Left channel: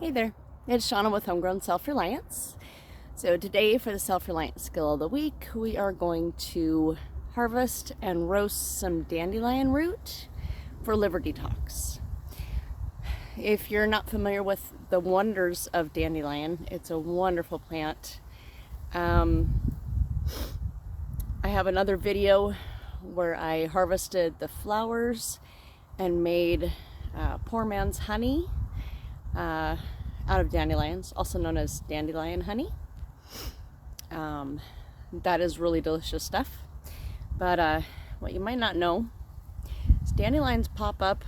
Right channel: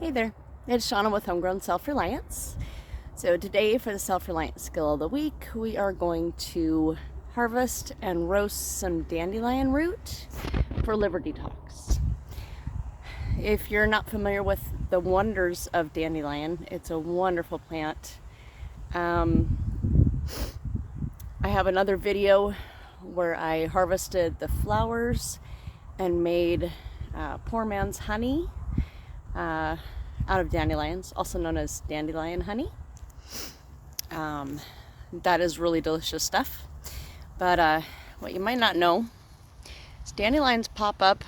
Hey there, it's Shauna with Homegrown Self-Reliance. So today for the Self-Reliance Skill of the Week, we are going to harvest and roast some dandelion root for liver detox. If you're not familiar with the wonders of dandelion, it's a wonderful plant. I have another video where I harvested the flowers and made poor man's honey out of dandelions, also known as dandelion honey. That is really delicious stuff. But what you might not know is dandelions pop up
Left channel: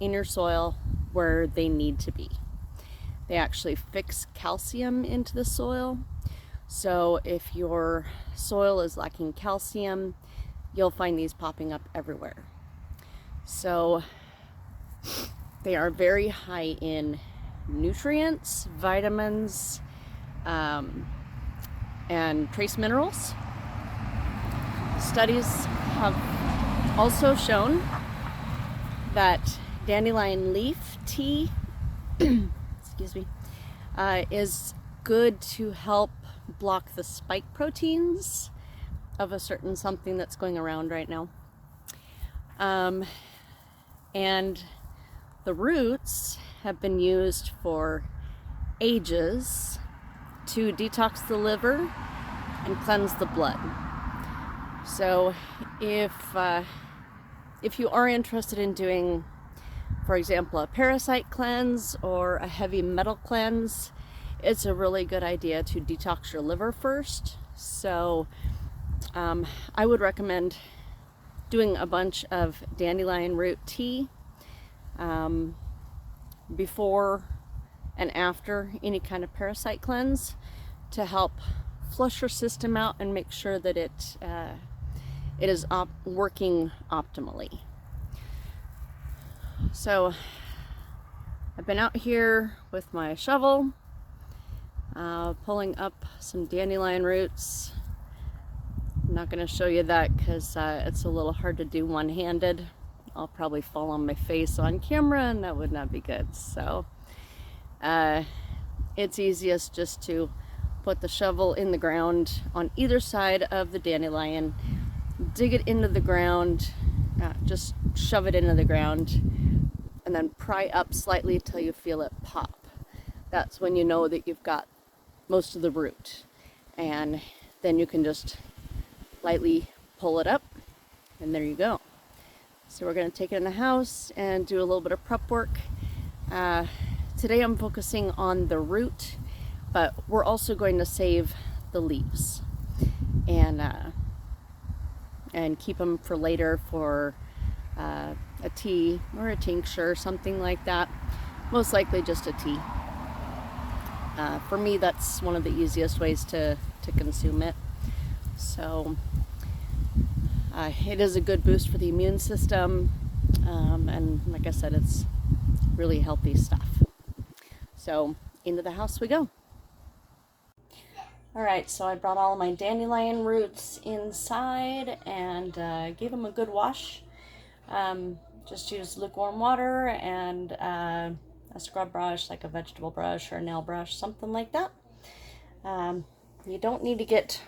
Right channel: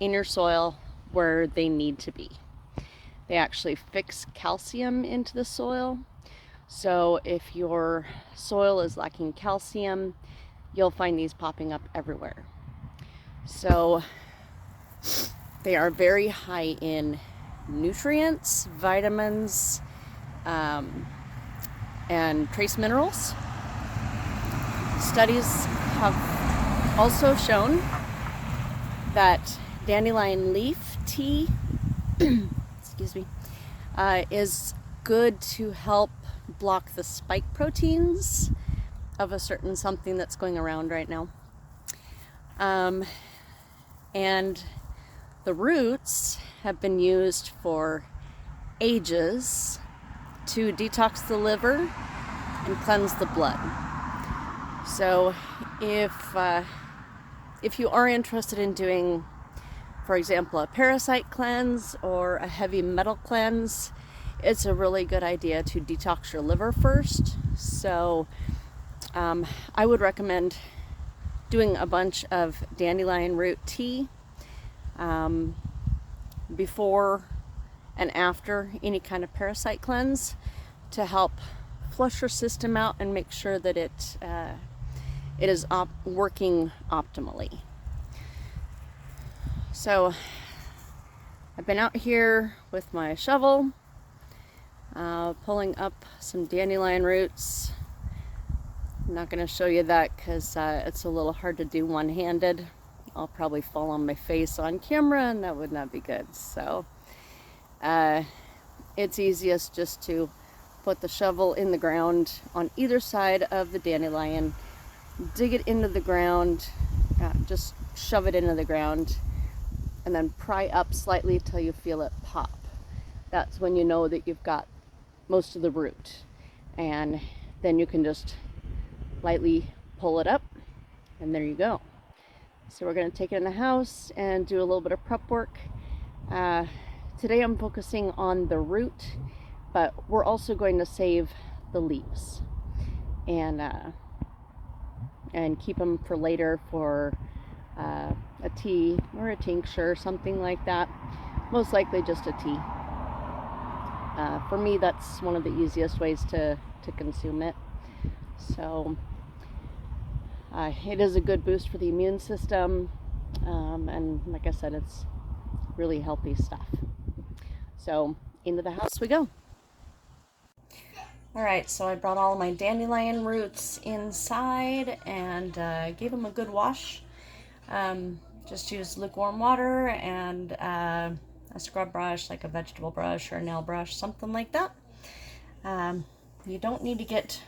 in your soil where they need to be. They actually fix calcium into the soil. So if your soil is lacking calcium, you'll find these popping up everywhere. So they are very high in nutrients, vitamins, and trace minerals. Studies have also shown that dandelion leaf tea excuse me, is good to help block the spike proteins of a certain something that's going around right now. And the roots have been used for ages to detox the liver and cleanse the blood. So if you are interested in doing, for example, a parasite cleanse or a heavy metal cleanse, it's a really good idea to detox your liver first. So I would recommend doing a bunch of dandelion root tea before and after any kind of parasite cleanse to help flush your system out and make sure that it is working optimally. So I've been out here with my shovel pulling up some dandelion roots. I'm not going to show you that because it's a little hard to do one-handed. I'll probably fall on my face on camera and that would not be good. So it's easiest just to put the shovel in the ground on either side of the dandelion, dig it into the ground, just shove it into the ground, and then pry up slightly till you feel it pop. That's when you know that you've got most of the root. And then you can just lightly pull it up, and there you go. So we're going to take it in the house and do a little bit of prep work. Today I'm focusing on the root, but we're also going to save the leaves and keep them for later for a tea or a tincture or something like that. Most likely just a tea. For me, that's one of the easiest ways to consume it. So it is a good boost for the immune system, and like I said, it's really healthy stuff. So into the house we go. Alright, so I brought all my dandelion roots inside and gave them a good wash. Just use lukewarm water and a scrub brush, like a vegetable brush or a nail brush, something like that. You don't need to get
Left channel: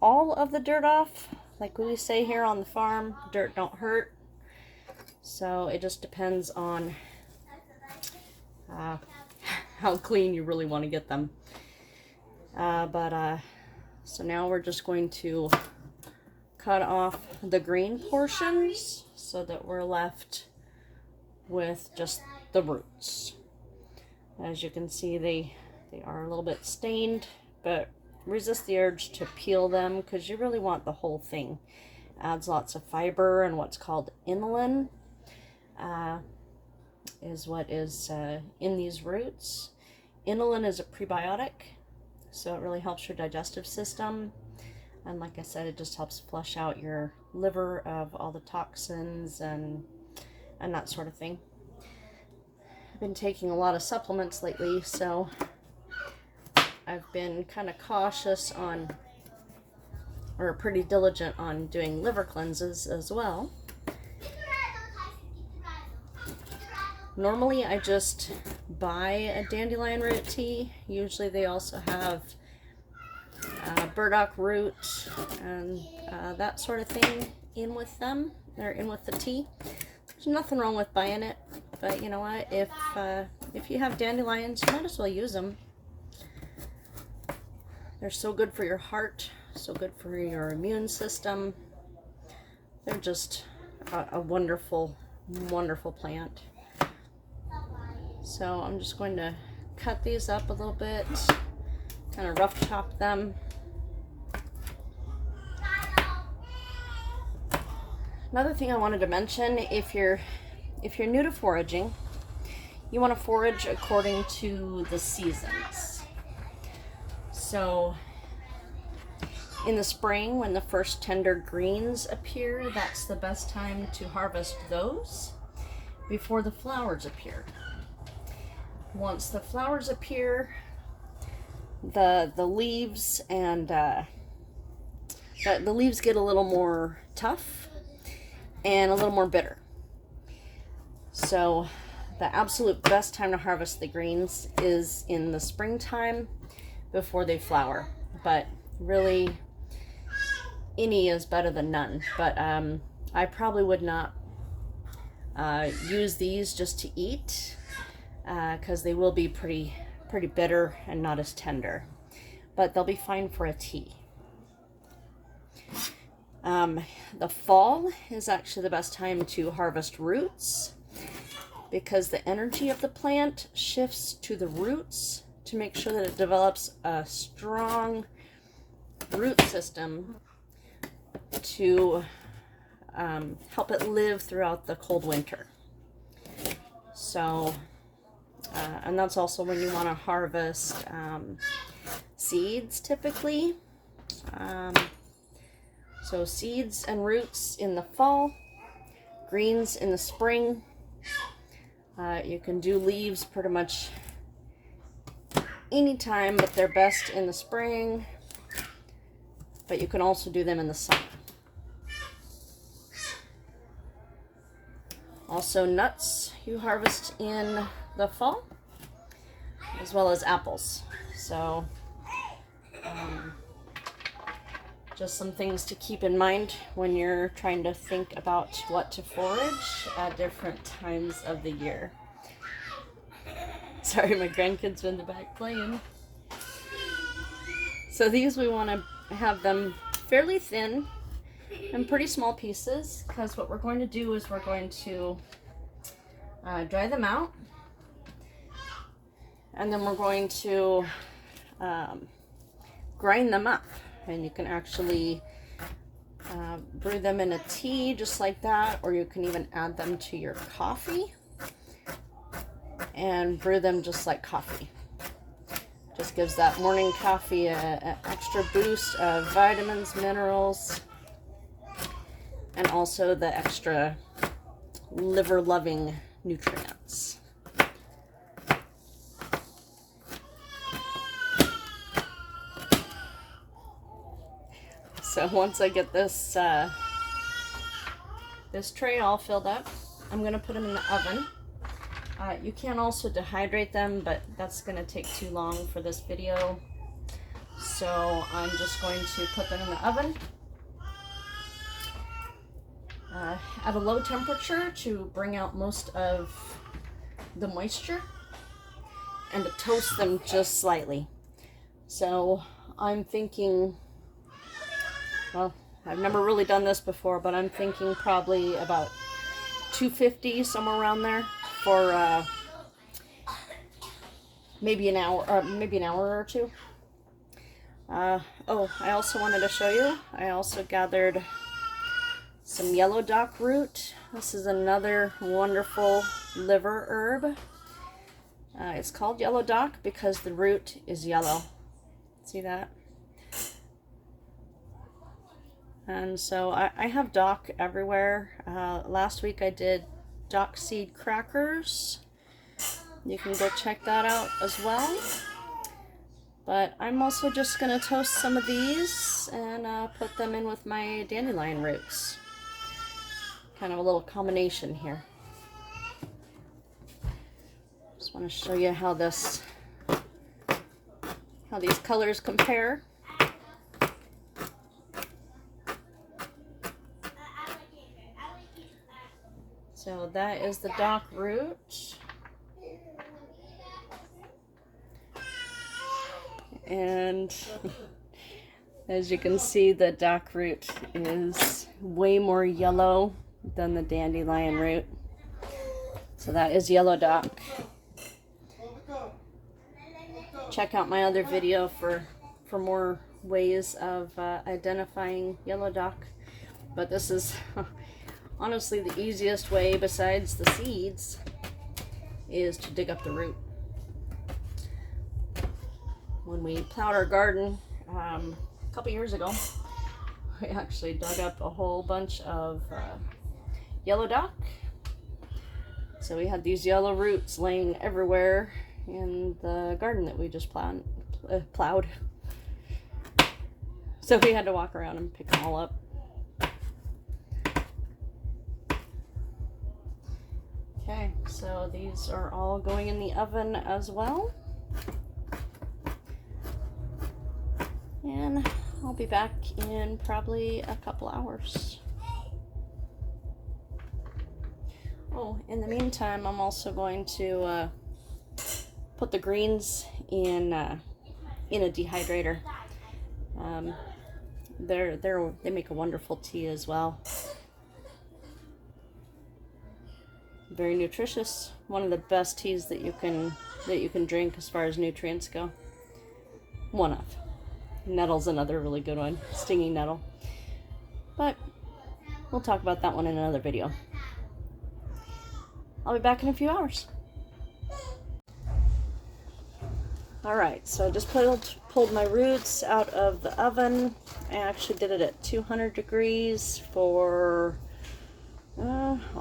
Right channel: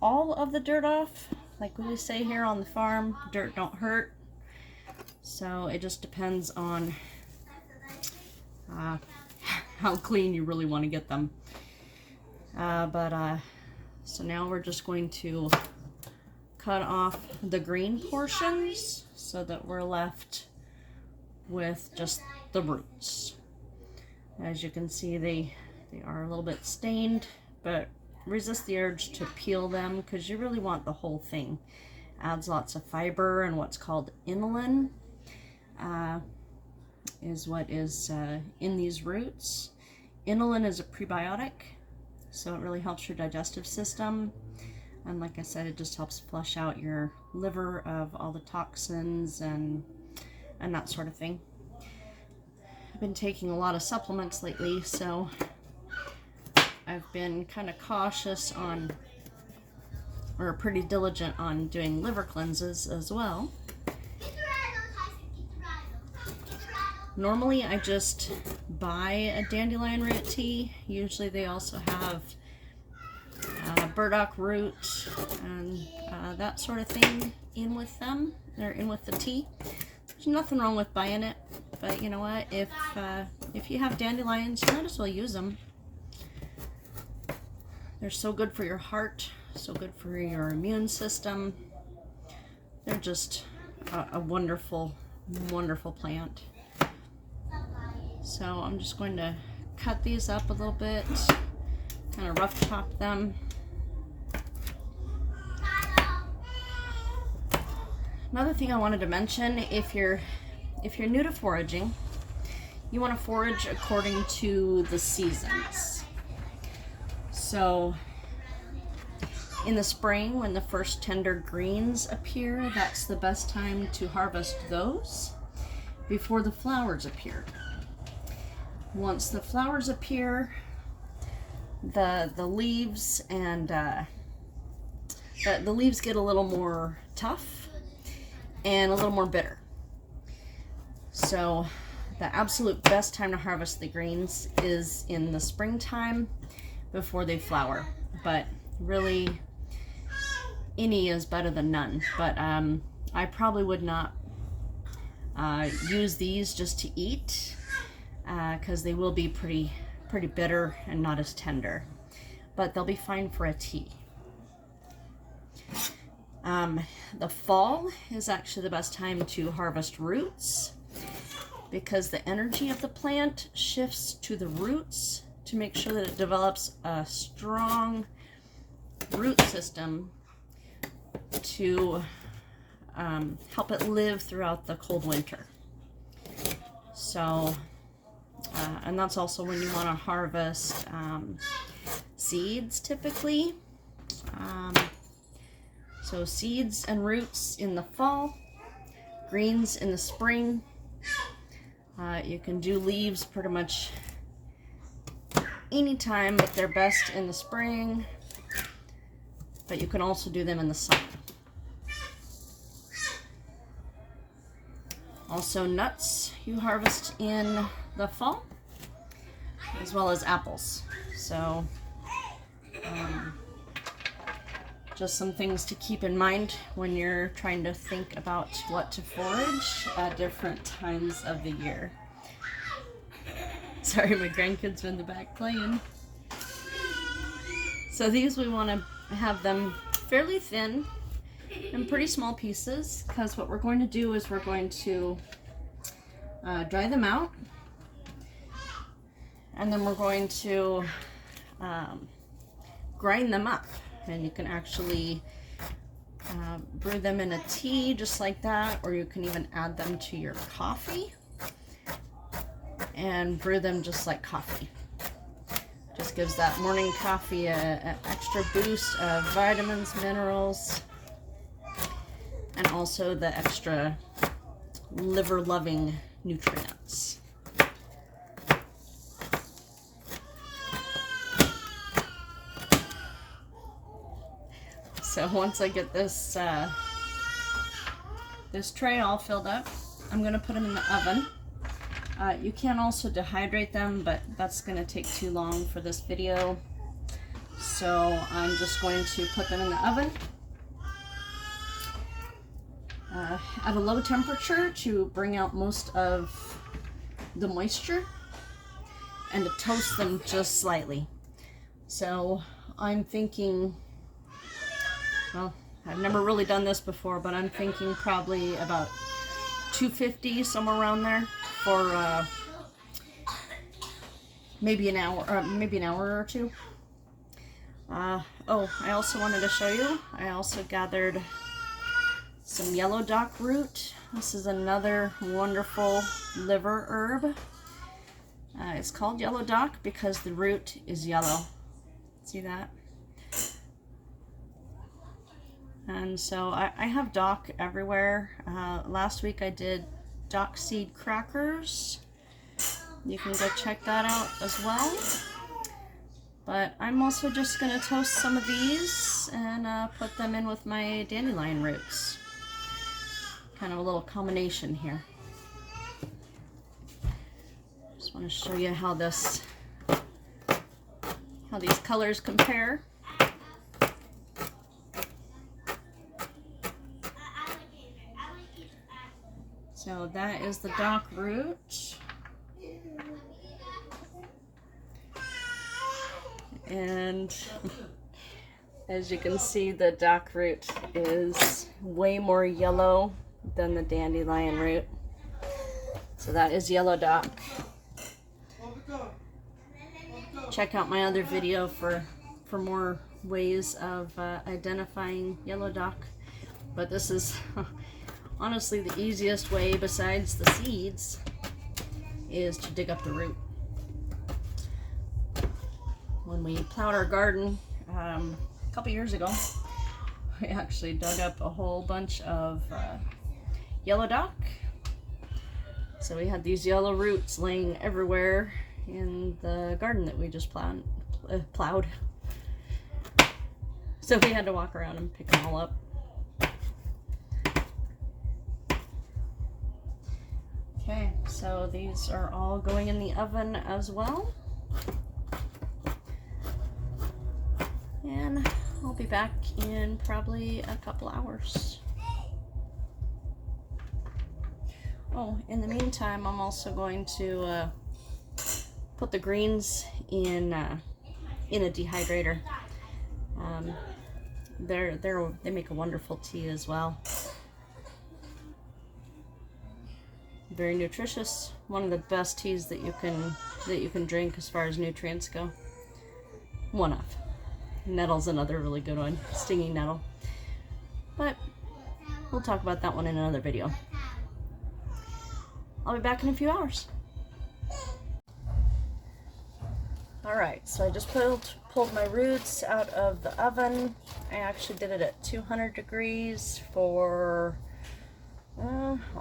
all of the dirt off. Like we say here on the farm, dirt don't hurt. So it just depends on how clean you really want to get them. So now we're just going to cut off the green portions so that we're left with just the roots. As you can see, they are a little bit stained, but resist the urge to peel them because you really want the whole thing. Adds lots of fiber, and what's called inulin is what is in these roots. Inulin is a prebiotic, so it really helps your digestive system, and like I said, it just helps flush out your liver of all the toxins and that sort of thing. I've been taking a lot of supplements lately, so I've been kind of cautious on, or pretty diligent on doing liver cleanses as well. Normally I just buy a dandelion root tea. Usually they also have burdock root and that sort of thing in with them. They're in with the tea. There's nothing wrong with buying it, but you know what? If you have dandelions, you might as well use them. They're so good for your heart, so good for your immune system. They're just a wonderful, wonderful plant. So I'm just going to cut these up a little bit, kind of rough chop them. Another thing I wanted to mention, if you're new to foraging, you want to forage according to the seasons. So in the spring, when the first tender greens appear, that's the best time to harvest those before the flowers appear. Once the flowers appear, the leaves and the leaves get a little more tough and a little more bitter. So the absolute best time to harvest the greens is in the springtime before they flower. But really, any is better than none. But I probably would not use these just to eat, because they will be pretty bitter and not as tender. But they'll be fine for a tea. The fall is actually the best time to harvest roots, because the energy of the plant shifts to the roots to make sure that it develops a strong root system to help it live throughout the cold winter. So, and that's also when you want to harvest seeds typically. So seeds and roots in the fall, greens in the spring. You can do leaves pretty much anytime, but they're best in the spring. But you can also do them in the summer. Also nuts you harvest in the fall, as well as apples. So just some things to keep in mind when you're trying to think about what to forage at different times of the year. Sorry, my grandkids are in the back playing. So these, we want to have them fairly thin and pretty small pieces, because what we're going to do is we're going to dry them out, and then we're going to grind them up. And you can actually brew them in a tea just like that, or you can even add them to your coffee and brew them just like coffee. Just gives that morning coffee an extra boost of vitamins, minerals, and also the extra liver-loving nutrients. So once I get this this tray all filled up, I'm going to put them in the oven. You can also dehydrate them, but that's going to take too long for this video. So I'm just going to put them in the oven at a low temperature to bring out most of the moisture, and to toast them just slightly. So I'm thinking, well, I've never really done this before, but I'm thinking probably about 250, somewhere around there, for maybe an hour or two. Oh, I also wanted to show you, I also gathered some yellow dock root. This is another wonderful liver herb. It's called yellow dock because the root is yellow. See that? And so I have dock everywhere. Last week I did dock seed crackers. You can go check that out as well. But I'm also just going to toast some of these and put them in with my dandelion roots. Kind of a little combination here. Just Just want to show you how these colors compare. So that is the dock root. And as you can see, the dock root is way more yellow than the dandelion root. So that is yellow dock. Check out my other video for more ways of identifying yellow dock. But this is honestly the easiest way, besides the seeds, is to dig up the root. When we plowed our garden a couple years ago, we actually dug up a whole bunch of yellow dock. So we had these yellow roots laying everywhere in the garden that we just plowed. So we had to walk around and pick them all up. Okay, so these are all going in the oven as well. And I'll be back in probably a couple hours. Oh, in the meantime, I'm also going to put the greens in a dehydrator. They make a wonderful tea as well. Very nutritious. One of the best teas that you can drink as far as nutrients go. One of. Nettle's another really good one. Stinging nettle. But we'll talk about that one in another video. I'll be back in a few hours. Alright, so I just pulled my roots out of the oven. I actually did it at 200 degrees for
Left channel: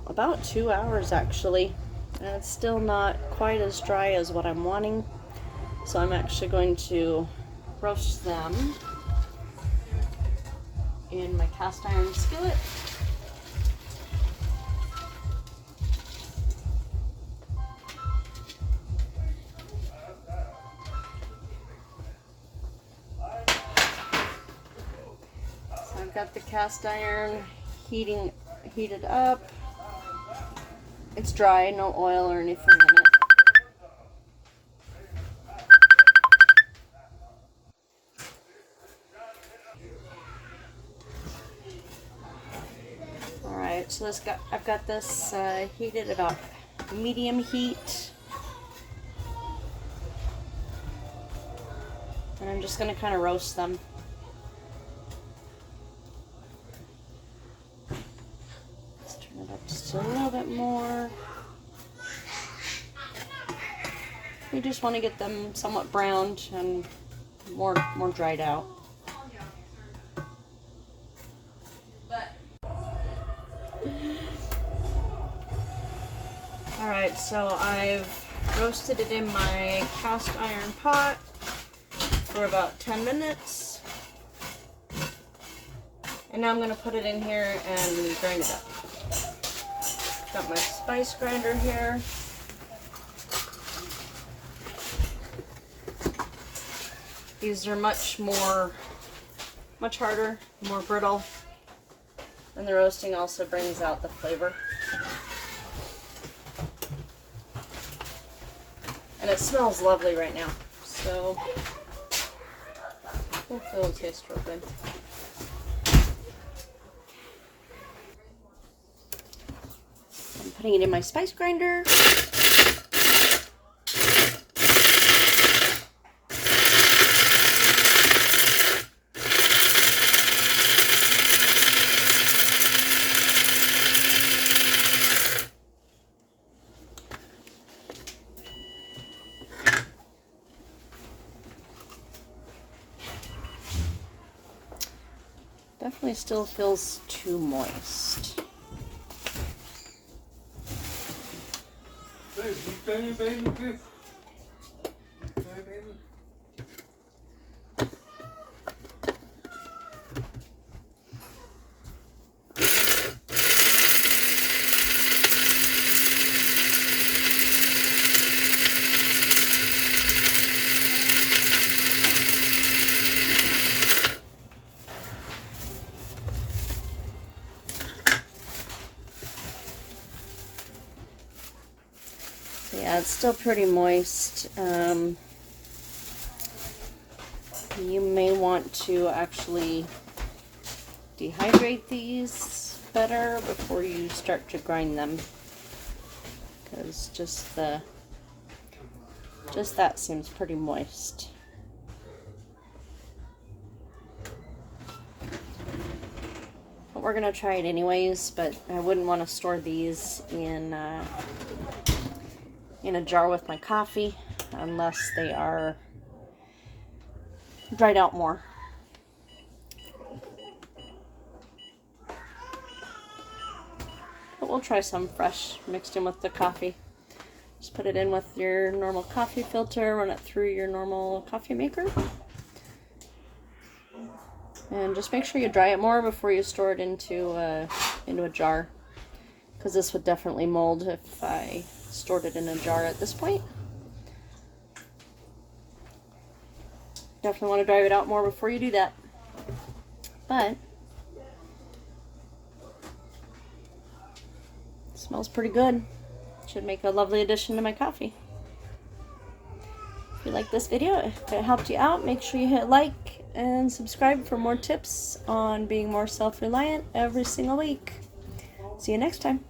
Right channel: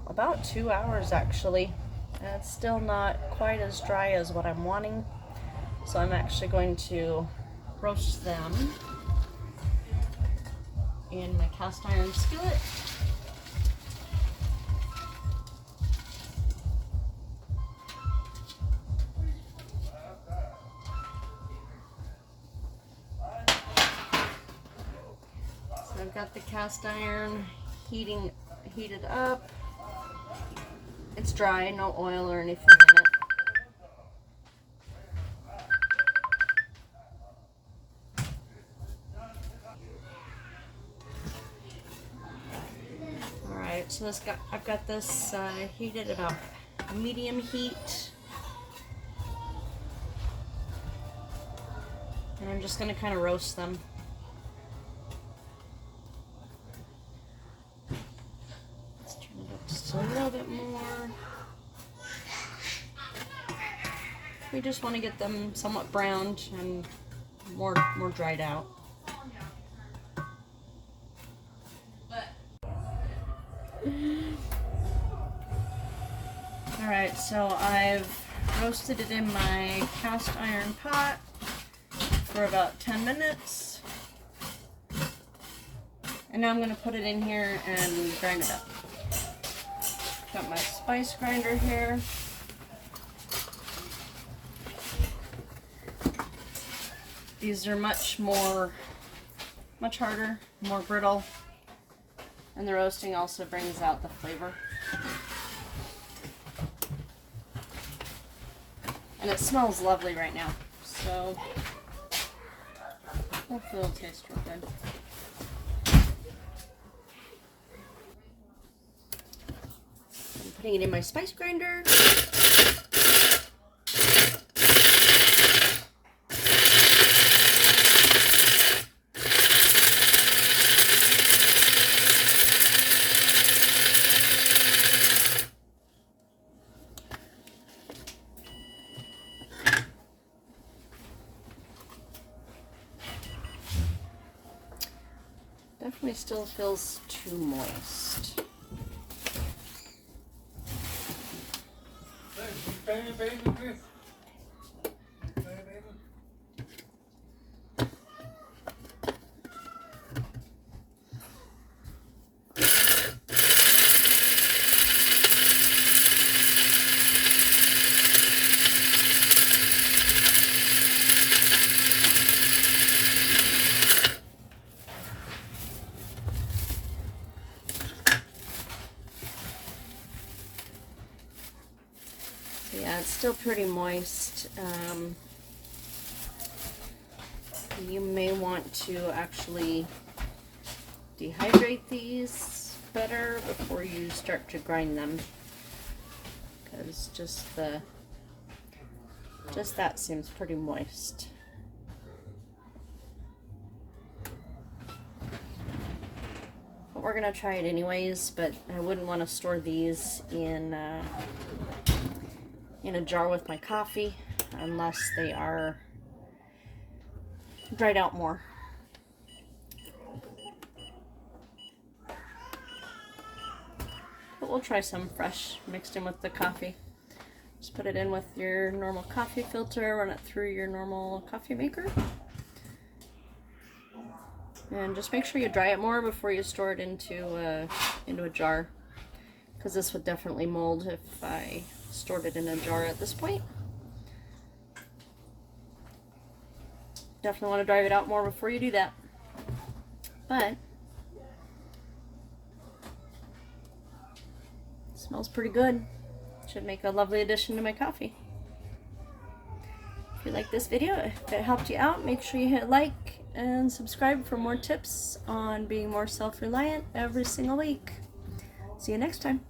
about 2 hours actually. And it's still not quite as dry as what I'm wanting. So I'm actually going to roast them in my cast iron skillet. So I've got the cast iron heated up. It's dry, no oil or anything in it. Alright, so I've got this heated about medium heat. And I'm just going to kind of roast them. Let's turn it up just a little bit more. We just want to get them somewhat browned and more dried out. Alright, so I've roasted it in my cast iron pot for about 10 minutes. And now I'm going to put it in here and grind it up. Got my spice grinder here. These are much harder, more brittle. And the roasting also brings out the flavor. And it smells lovely right now, so hopefully it'll taste real good. I'm putting it in my spice grinder. Definitely still feels too moist. Baby. still pretty moist. You may want to actually dehydrate these better before you start to grind them, because just that seems pretty moist. But we're gonna try it anyways, but I wouldn't want to store these in a jar with my coffee unless they are dried out more. But we'll try some fresh mixed in with the coffee. Just put it in with your normal coffee filter, run it through your normal coffee maker. And just make sure you dry it more before you store it into a jar, because this would definitely mold if I stored it in a jar at this point. Definitely want to dry it out more before you do that. But it smells pretty good. Should make a lovely addition to my coffee. If you like this video, if it helped you out, make sure you hit like and subscribe for more tips on being more self-reliant every single week. See you next time.